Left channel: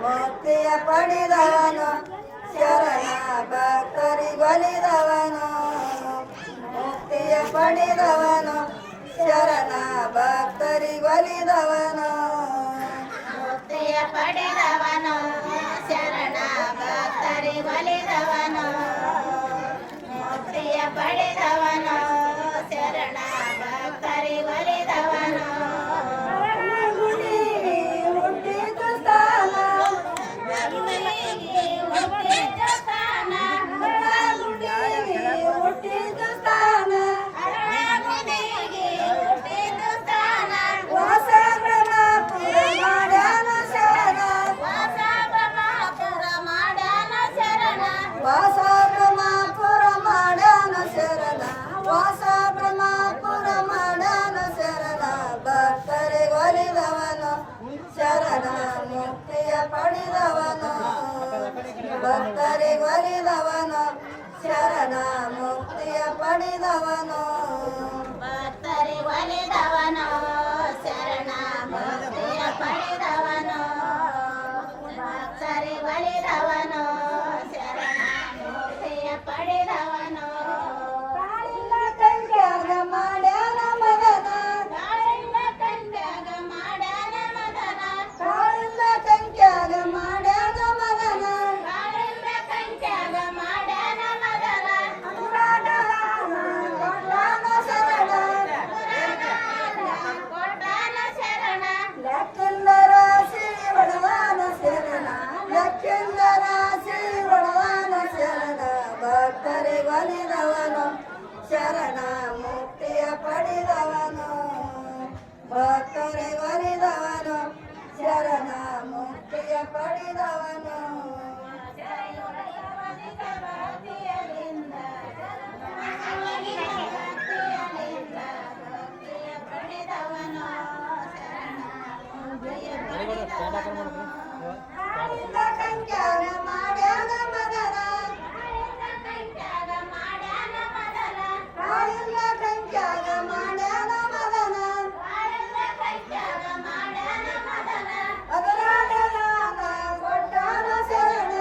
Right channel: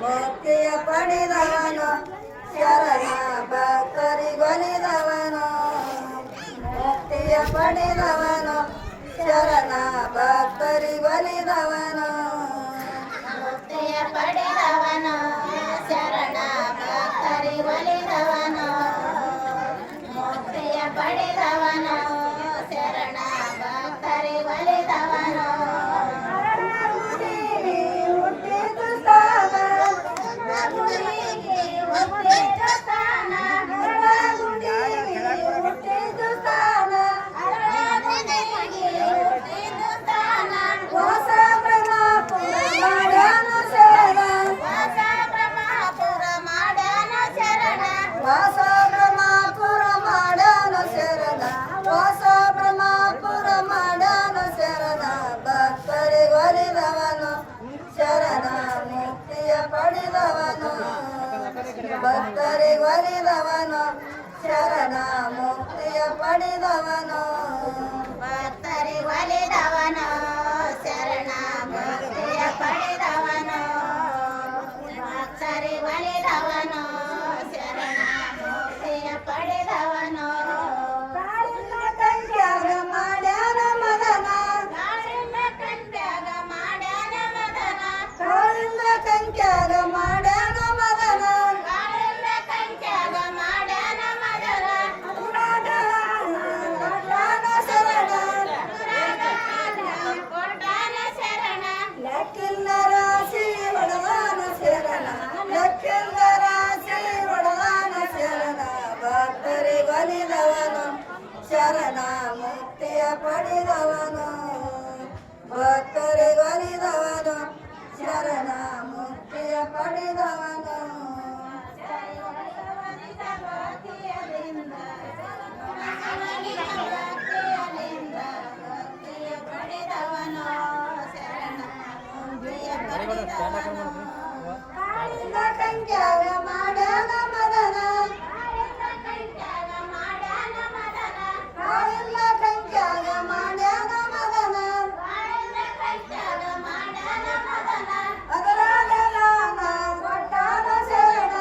ಮುಕ್ತಿಯ ಪಡೆದವನು ಶರಣ ಭಕ್ತರಿಗೊಲಿದವನು ಮುಕ್ತಿಯ ಪಡೆದವನು ಶರಣ ಭಕ್ತರಿಗೊಲಿದವನು ಮುಕ್ತಿಯ ಪಡೆದವನು ಶರಣ ಭಕ್ತರಿಗೊಲಿದವನು ಮುಕ್ತಿಯ ಪಡೆದವನು ಶರಣ ಭಕ್ತರಿಗೊಲಿದವನು ವಾಸ ಬ್ರಹ್ಮಪುರ ಮಾಡ್ಯಾನ ಶರಣ ವಾಸ ಬ್ರಹ್ಮಪುರ ಮಾಡ್ಯಾನ ಶರಣ ಭಕ್ತರಿಗೊಲಿದವನು ಶರಣ ಮುಕ್ತಿಯ ಪಡೆದವನು ಭಕ್ತರಿಗೊಲಿದವನು ಶರಣ ಮುಕ್ತಿಯ ಪಡೆದವನು ಭಕ್ತರಿಗೊಲಿದವನು ಶರಣ ಮುಕ್ತಿಯ ಪಡೆದವನು ಭಕ್ತರಿಗೊಲಿದವನು ಪಡೆದವನು ಕಾಳಿಂದ ಕಂಡ್ಯಾಗ ಮಾಡ್ಯಾನ ಮದನ ಕಾಳಿಂದ ಕಂಡ್ಯಾಗ ಮಾಡ್ಯಾನ ಮದನ ಕಾಳಿಂದ ಕಂಡ್ಯಾಗ ಮಾಡ್ಯಾನ ಮದನ ಕಾಳಿಂದ ಕಂಡ್ಯಾಗ ಮಾಡ್ಯಾನ ಮದನ ಕೊಟ್ಟಾನ ಶರಣ ಕೊಟ್ಟಾನ ಶರಣ ಲೆಕ್ಕಿಂದ ರಾಶಿ ಒಡದಾನ ಶರಣ ಲೆಕ್ಕಿಂದ ರಾಶಿ ಒಡದಾನ ಶರಣ ಭಕ್ತರಿಗೊಲಿದವನು ಶರಣ ಮುಕ್ತಿಯ ಪಡೆದವನು ಭಕ್ತರಿಗೊಲಿದವನು ಶರಣ ಮುಕ್ತಿಯ ಪಡೆದವನು ಕಾಳಿಂದ ಕಂಡ್ಯಾಗ ಮಾಡ್ಯಾನ ಮದನ ಕಾಳಿಂದ ಕಂಡ್ಯಾಗ ಮಾಡ್ಯಾನ ಮದನ ಅದರಾಗ ನಾನ ಕೊಟ್ಟಾನ ಶರಣ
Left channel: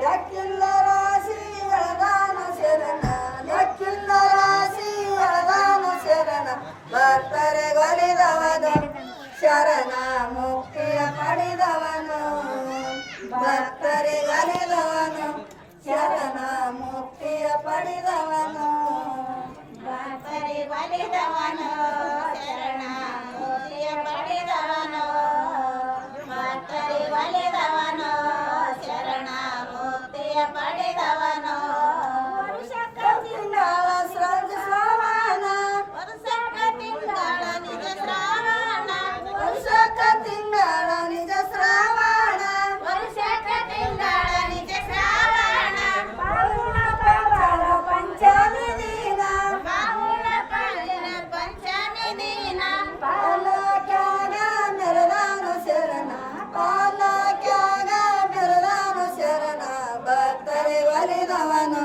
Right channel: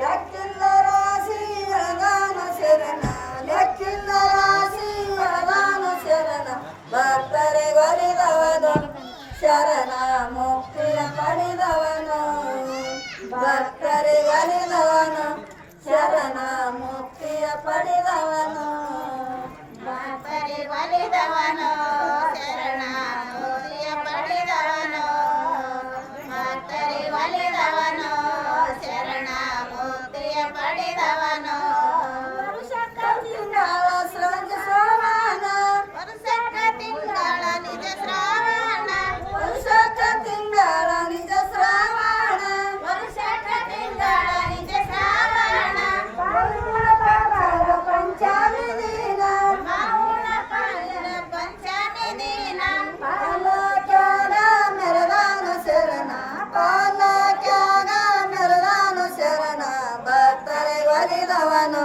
ಲೆಕ್ಕಿಲ್ಲ ರಾಶಿ ಒಳದಾನ ಶರಣ ಲೆಕ್ಕಿಲ್ಲ ರಾಶಿ ಒಳದಾನ ಶರಣ ಭಕ್ತರಿಗೊಲಿದವನು ಶರಣ ಮುಕ್ತಿಯ ಪಡೆದವನು ಭಕ್ತರಿಗೊಲಿದವನು ಶರಣ ಮುಕ್ತಿಯ ಪಡೆದವನು ಭಕ್ತರಿಗೊಲಿದವನು ಶರಣ ಮುಕ್ತಿಯ ಪಡೆದವನು ಭಕ್ತರಿಗೊಲಿದವನು ಶರಣ ಮುಕ್ತಿಯ ಪಡೆದವನು ವರುಷಕ್ಕ ತಿಂಗಳ ಸೃಜ ಶ್ರವಣ ವರುಷಕ್ಕ ತಿಂಗಳ ನಿಜ ಶ್ರಾವಣ ವರುಷಕ್ಕ ತಿಂಗಳ ನಿಜ ಶ್ರವಣ ವರುಷಕ್ಕ ತಿಂಗಳ ನಿಜ ಶ್ರಾವಣ ಬಾವುಳ ಬಂಗಾರ ಪಂಚಾಮಿ ದಿನ ಮಾವುಳ ಪಾಲಿನ ಪಂಚಮಿ ದಿನ ಪಾಲಕ್ಯಾಗ ಮೆರದಾನ ಶರಣ ಪಾಲಕ್ಯಾಗ ಮೆರದಾನ ಶರಣ ಭಕ್ತರಿಗೊಲಿದವನು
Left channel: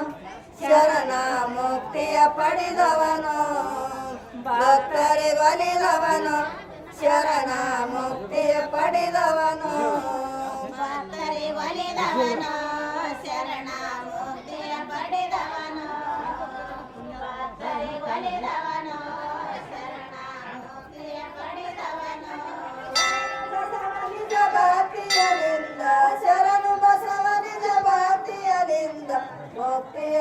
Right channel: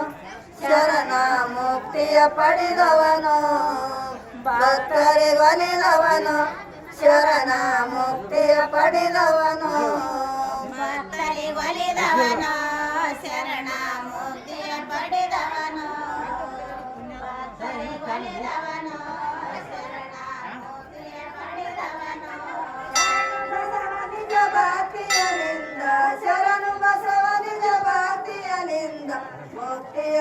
ಶರಣ ಮುಕ್ತಿಯ ಪಡೆದವನು ಭಕ್ತರಿಗೊಲಿದವನು ಶರಣ ಮುಕ್ತಿಯ ಪಡೆದವನು ಭಕ್ತರಿಗೊಲಿದವನು ಶರಣ ಮುಕ್ತಿಯ ಪಡೆದವನು ಭಕ್ತರಿಗೊಲಿದವನು ಶರಣ ಮುಕ್ತಿಯ ಪಡೆದವನು ನಿಜ ಭಕ್ತಿಯಲಿಂದ ಶರಣು ಬಸವ ನಿಜ ಭಕ್ತಿಯಲಿಂದ ಮುಕ್ತಿಯ